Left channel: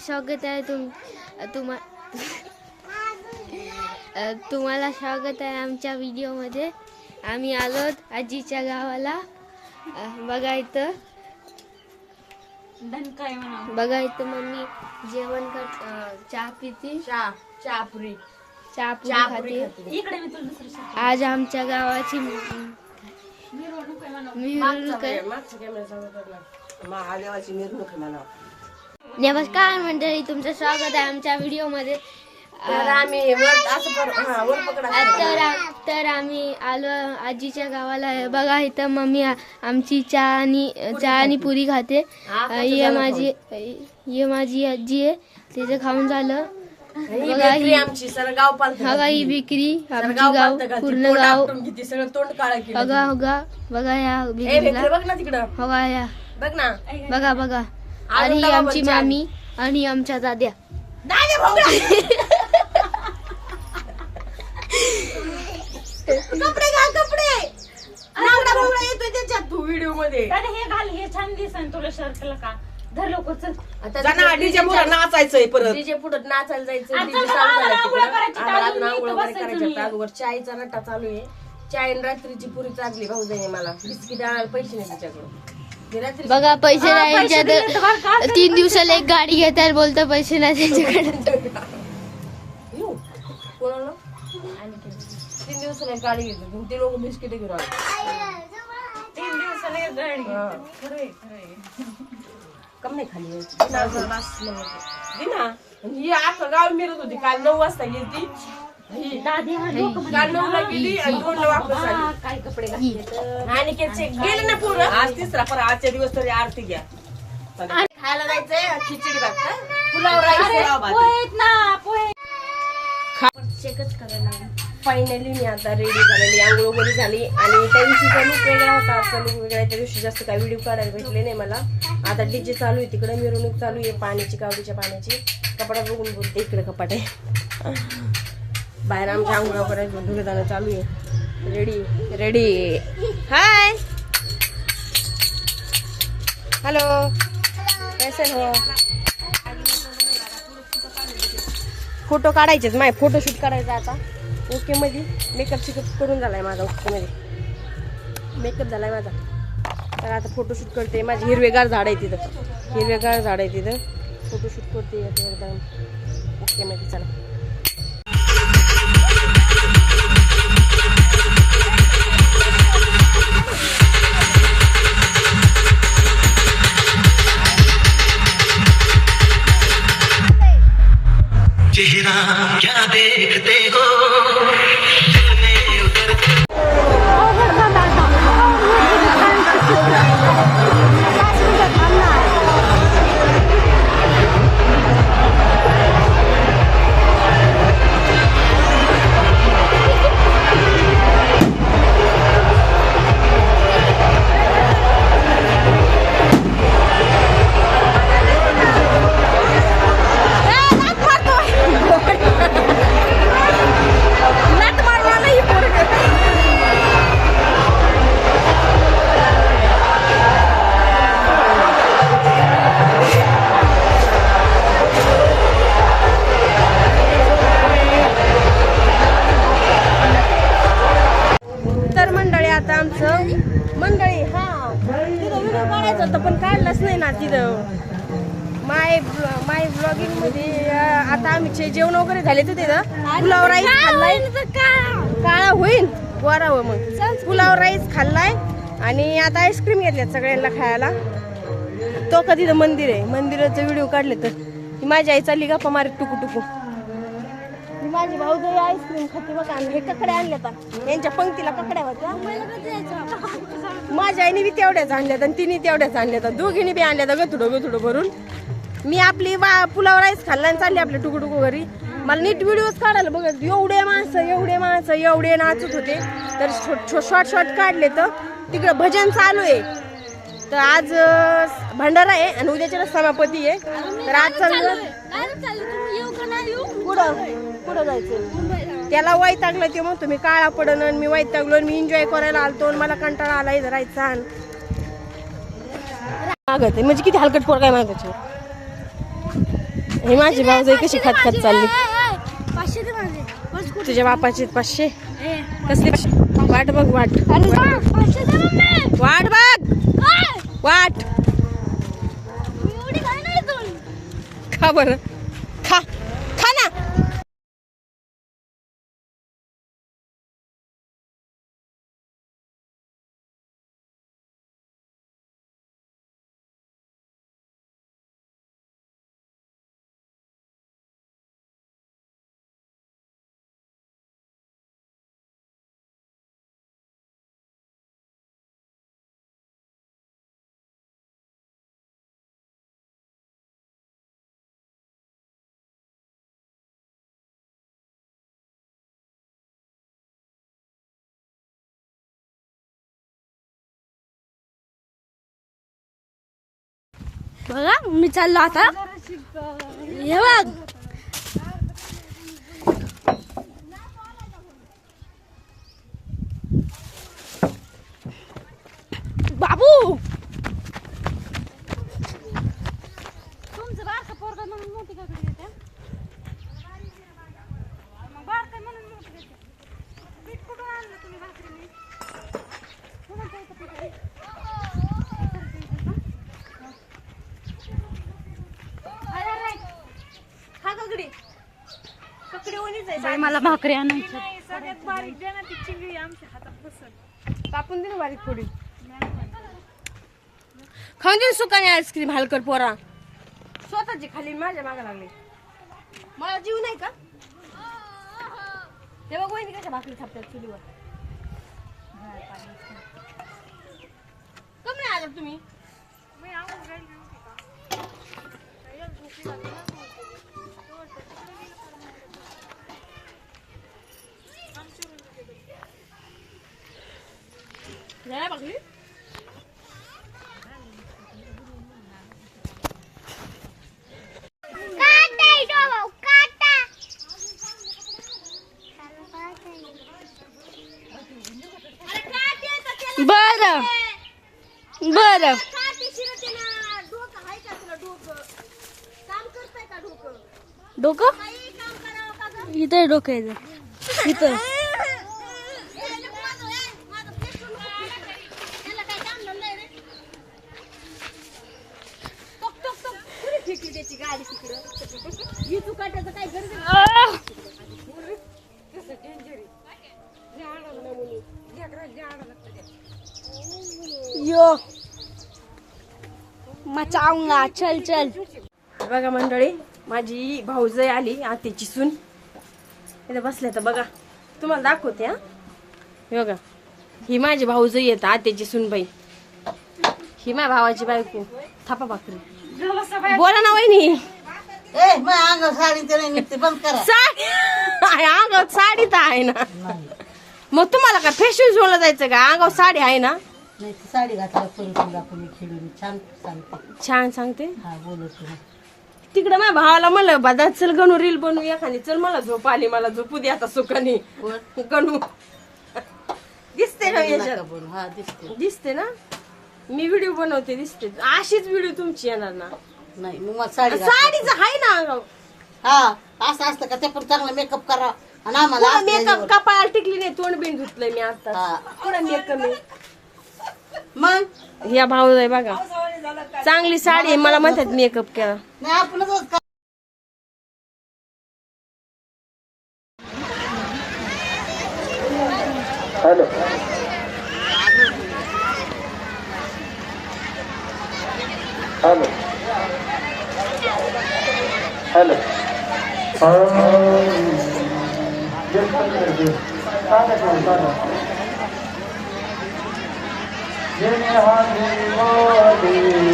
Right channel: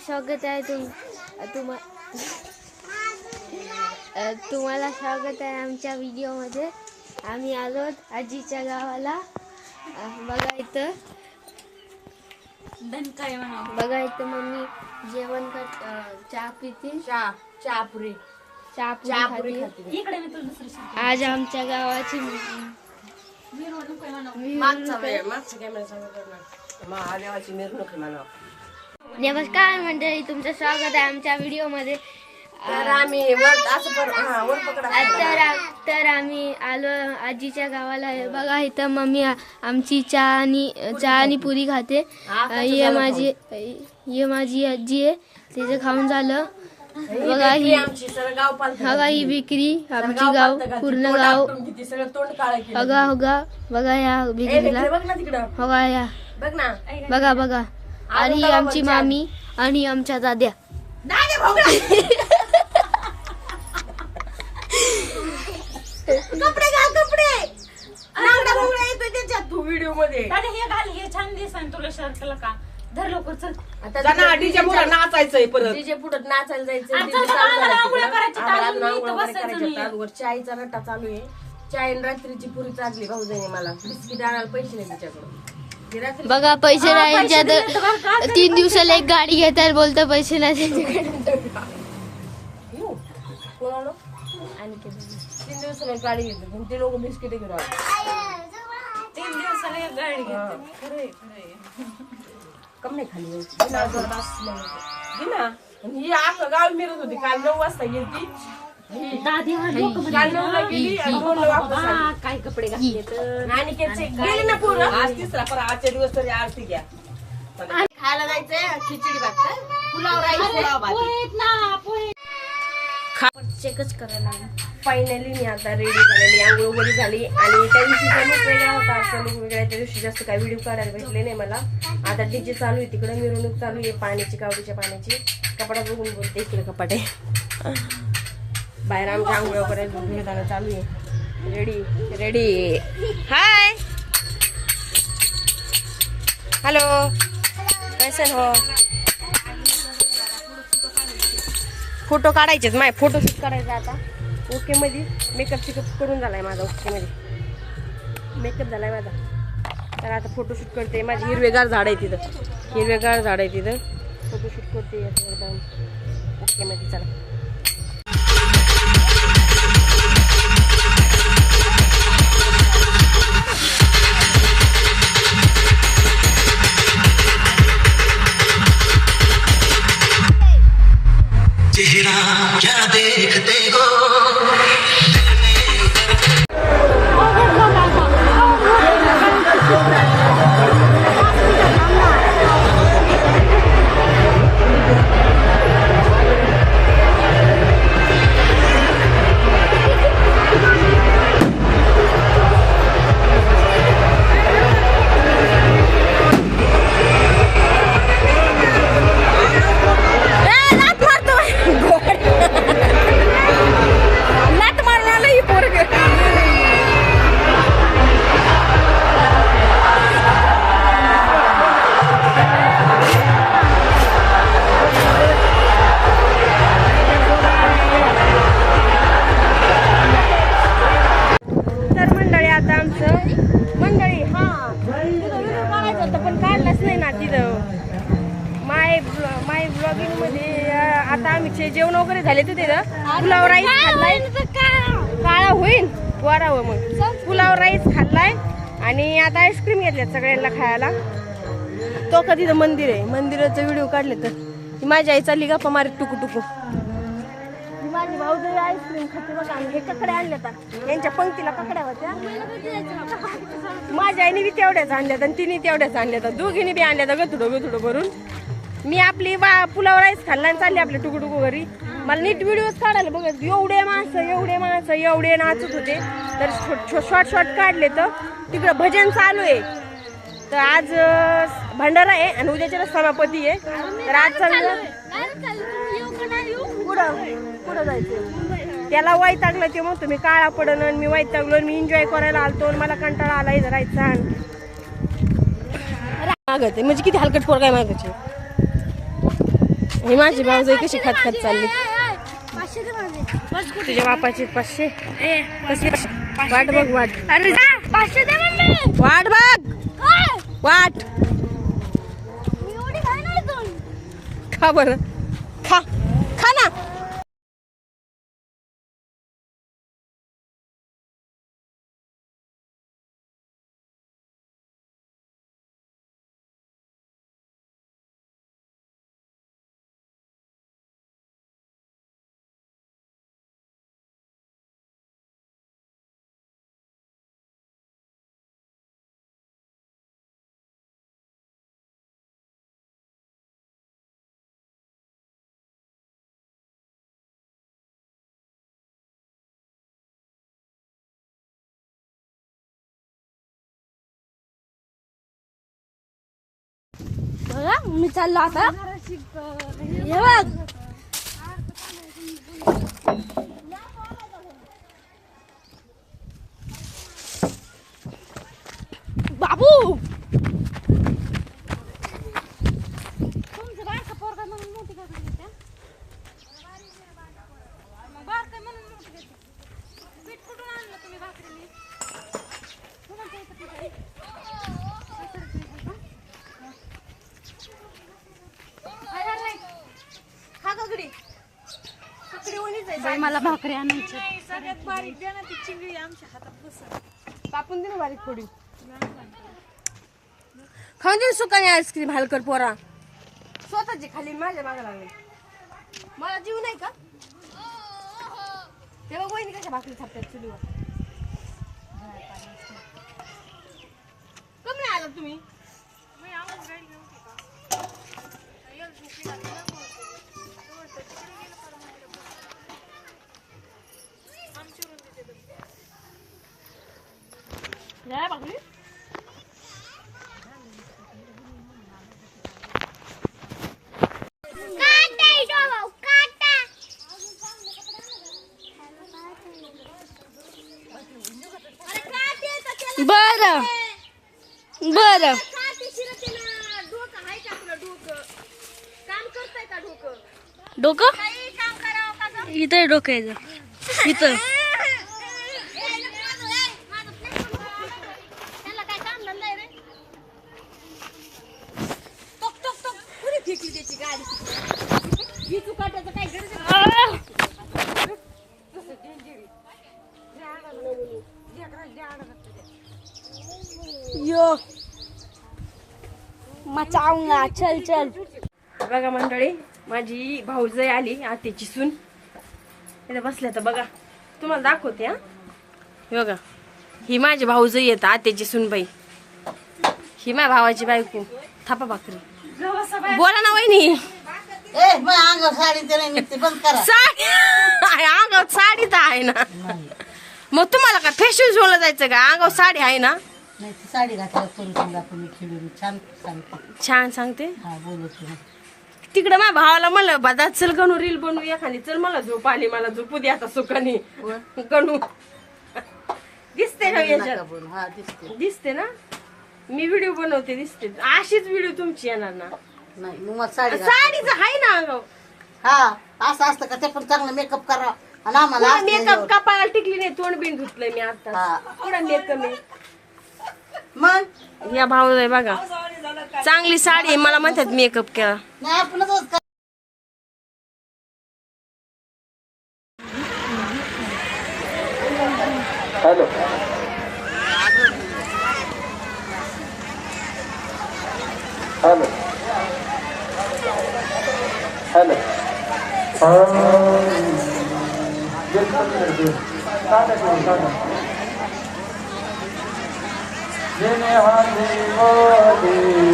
स्वागत आहे तुम्हाला स्वागत आहे आमच्या व्हिडिओमध्ये। आम्ही आलो आजीच्या गावाला। बघा इथं मम्मी जेवण चहा पिती चहापुरी आज आमच्या गावाची नमस्कार मंडळी, तुमचं स्वागत आहे आमच्या व्हिडिओ मध्ये। तर आम्ही आलो आजीच्या गावाला। बघा इथं मम्मी आमची चहा आणि पुरी खाते। ये माझी आजी आहे, तिचं खाऊन झालं। बघा ही बिक्री आमची गाव पूर्ण गाव। बघा या बिक्रीला बघा आणि ही आमची मामी आणि आमच्या दाद्या। कपडे येतोय त्याच्यात तू व्हिडिओ मध्ये हे छान दिसन तुला शर्ट केलं का धर लवकर चल। आता डीजे पुढे नाचायचंय, परत डीजे पुढे नाचायला जायचं। डीजे चालू करायचं, चायचा रट्टा चालू आहे। चाय रात्रीची पुरी चालली भाऊजाईने मला बिस्किट आणायला पैसे नाही तिच्याकडे। बघा पैसे नाही त्यांच्यात। 3 दिवसाला एक गाडी घेतात, बोलतो पैसे नाही त्यांच्याकडे। कोणाला 3 दिवसाला एक गाडी घेतली, ते लोक बिस्किट घेऊन आले। 3 दिवसाला एक गाडी खरंय कम नाही खाली ही अख्खं गाव मिरत होती। काल 9 वाजता गेली काल 9ला गेली आणि 2ला वापस आली। काय कपडे घातले आणि गेले ना पूर्ण। आज तिसरा पर आजच्या दिवस तरी आरती घ्या। खायला जायचंय खिचडी भात, पुलाव राईस चेकच करायला। फायनली मी आता रेडी झालेली, आंघोळ वगैरे झाली। आणि त्या दिवशीचा लुक वेगळा होता, आजचा लुक वेगळा आहे। त्या दिवशी जास्त काही व्हिडिओ काढायला भेटले नाही मला। आता डीजे चालू आहे, तिकडे मिरवणूक चालू आहे पाण्याची, कावडीच्या पाण्याची। कपाटात बघून बोलते, इकडे कपाट आहे। बाहेर आमच्या आंघोळ वगैरे धुणं चालू आहे। रेडी हाय हॅलो कैसन हो। फोटो काढायचेच, माझे फोटोशूट करायचा आता। ओके मध्ये मेकअप करून झालाय माझा। ओके मध्ये मेकअप झालाय माझा, तर आता फोटोशूट करते। माझी हिरवेगार झाड आहे तिथं, फोटोशूट करते एकदम ओके मध्ये। चला चेहरा क्या देखते हो। आता आमचं मंडळी तिथं व्हिडिओ काढायचा होता पण काढलाच नाही ना तिथं। माय ब्लॉगिंग मध्ये आता आम्ही जेवण वगैरे झाले तर तिथं पुलाव राईस खाल्लाय। काळा होईल वारावं मग पुलाव राईस खाल्लाय। आणि आता आईस्क्रीम घेतल्यात सगळ्यांना खायला। तो का तिथं मंदिर आहे, मंदिराचं व्हिडिओ काढले तर माझी आई चालली गप्पा मारत टुकू। माझी भाऊजाई आईस्क्रीम खाते बघा। हे ककड्या आणल्या तर यांच्या पंक्तीला ककड्या होत्या। माझ्या आईने बी तेवढ्याच आणल्यात आणि तिने तेवढ्याच आणल्यात, दोघींनी बी आणल्यात गथुडं भरून। मी आपली पुलाव राईस खाल्ला आणि चालली आपले टुकू घरी। मला नीट व्हिडिओज काढायला बघत एवढे माणसं एवढे नाचत होते, तर शॉर्ट काढले। तर तिकडं भजन चालू आहे, तर आज भंडारा आहे आणि उद्याच्या समापती आहे। तर आज चाललं कुठं जायचं त्याला वैतागलं ते मग तुम्ही काळा पडन आणि मी वैतागलो। मी एन्जॉय करायला आलतो आणि मला कंटाळा आला इथं राहायचा। मागत म्हणजे किती हलकट पोर काय मागायचे। ही माझी भाऊजाई कशी खत चालली. 500 दे माझे. तुझ्या बापाचे 500 कसली वाट बघ वाट. अरे 500 दे मम्मी. वाट बघ काय? वाट. मी एवढी खाई नाही इथून. खा बरं खा खा ना. बघा मी चाललो आता. हे बघ बाबू. तुमचं बारकं पोरगा म्हणून मोठी का घेते मग बारकं म्हणून मोठी घेते. पीठ कुठून आणलं तुम्ही भाकरीने? कुणाचं आहे का पीठ आहे? बाई मला भाकरी आणायची. सगळ्यात बारीक द्या ना ती चिंगळी आमच्या हातात बसत. कापून दे ना बारीक थोडी. खाऊन दे सुकाने आईस्क्रीम हलकर पोरा. स्वतःची खाली माझ्या मागा लागले. मला जीव नाही का? तेव्हा वहिनी कशा भाकरी थापतात चुलीवर. कम नाही आला तुम्ही. झाला भाकरी. बरं बरं. डोकं इथं डोकं यायचं इथं. यो मचाऊंगा. चल चल. बघा मंडळी माझी भाऊजाई आली आत्याची सून इथे बसल्या तर बघा तुम्हाला दाखवते. हा हे बघा ही माझी भाऊजाई येत आत्याची सूनबाई. ही माझ्या भावाची बायको. थापा भाकरी. बोला ना वहिनी. अंगावर साडी तर आहे ना. मग तुम्हाला काय फॅशन शोला जायचं का? अंगावर साडी आहे ना. साडी घातल्या छान सांगते. छान सांगते. हा बोलत तिकडं माझ्या भावाला म्हणलं बादा चल गणू रील बनवू एखादी. चल मला झोप आली मला झोपू दे आता सुखाने. गणू दिसते का याच्यात? हा दिसते. दिसते ना. मी व्हिडिओ बनवते दिसते. अशीच व्हिडिओ तुमची येणार ना. नाही मग मला साडी साडीच आहे ना अंगावर. हा असं असतं का? ते पण चांगलं मेकअप करा आणि आम्हाला मेकअप कपाळाला टिकली नाही. तोंड बिन धुतलंय मी आता. हा. कुठं मेकअप आहे. मग या भाऊ आहे बघा चांगली साडी आहे. मला म्हणतात मेकअप केला. नाही आपणच हॅलो हॅलो हॅलो. हाथी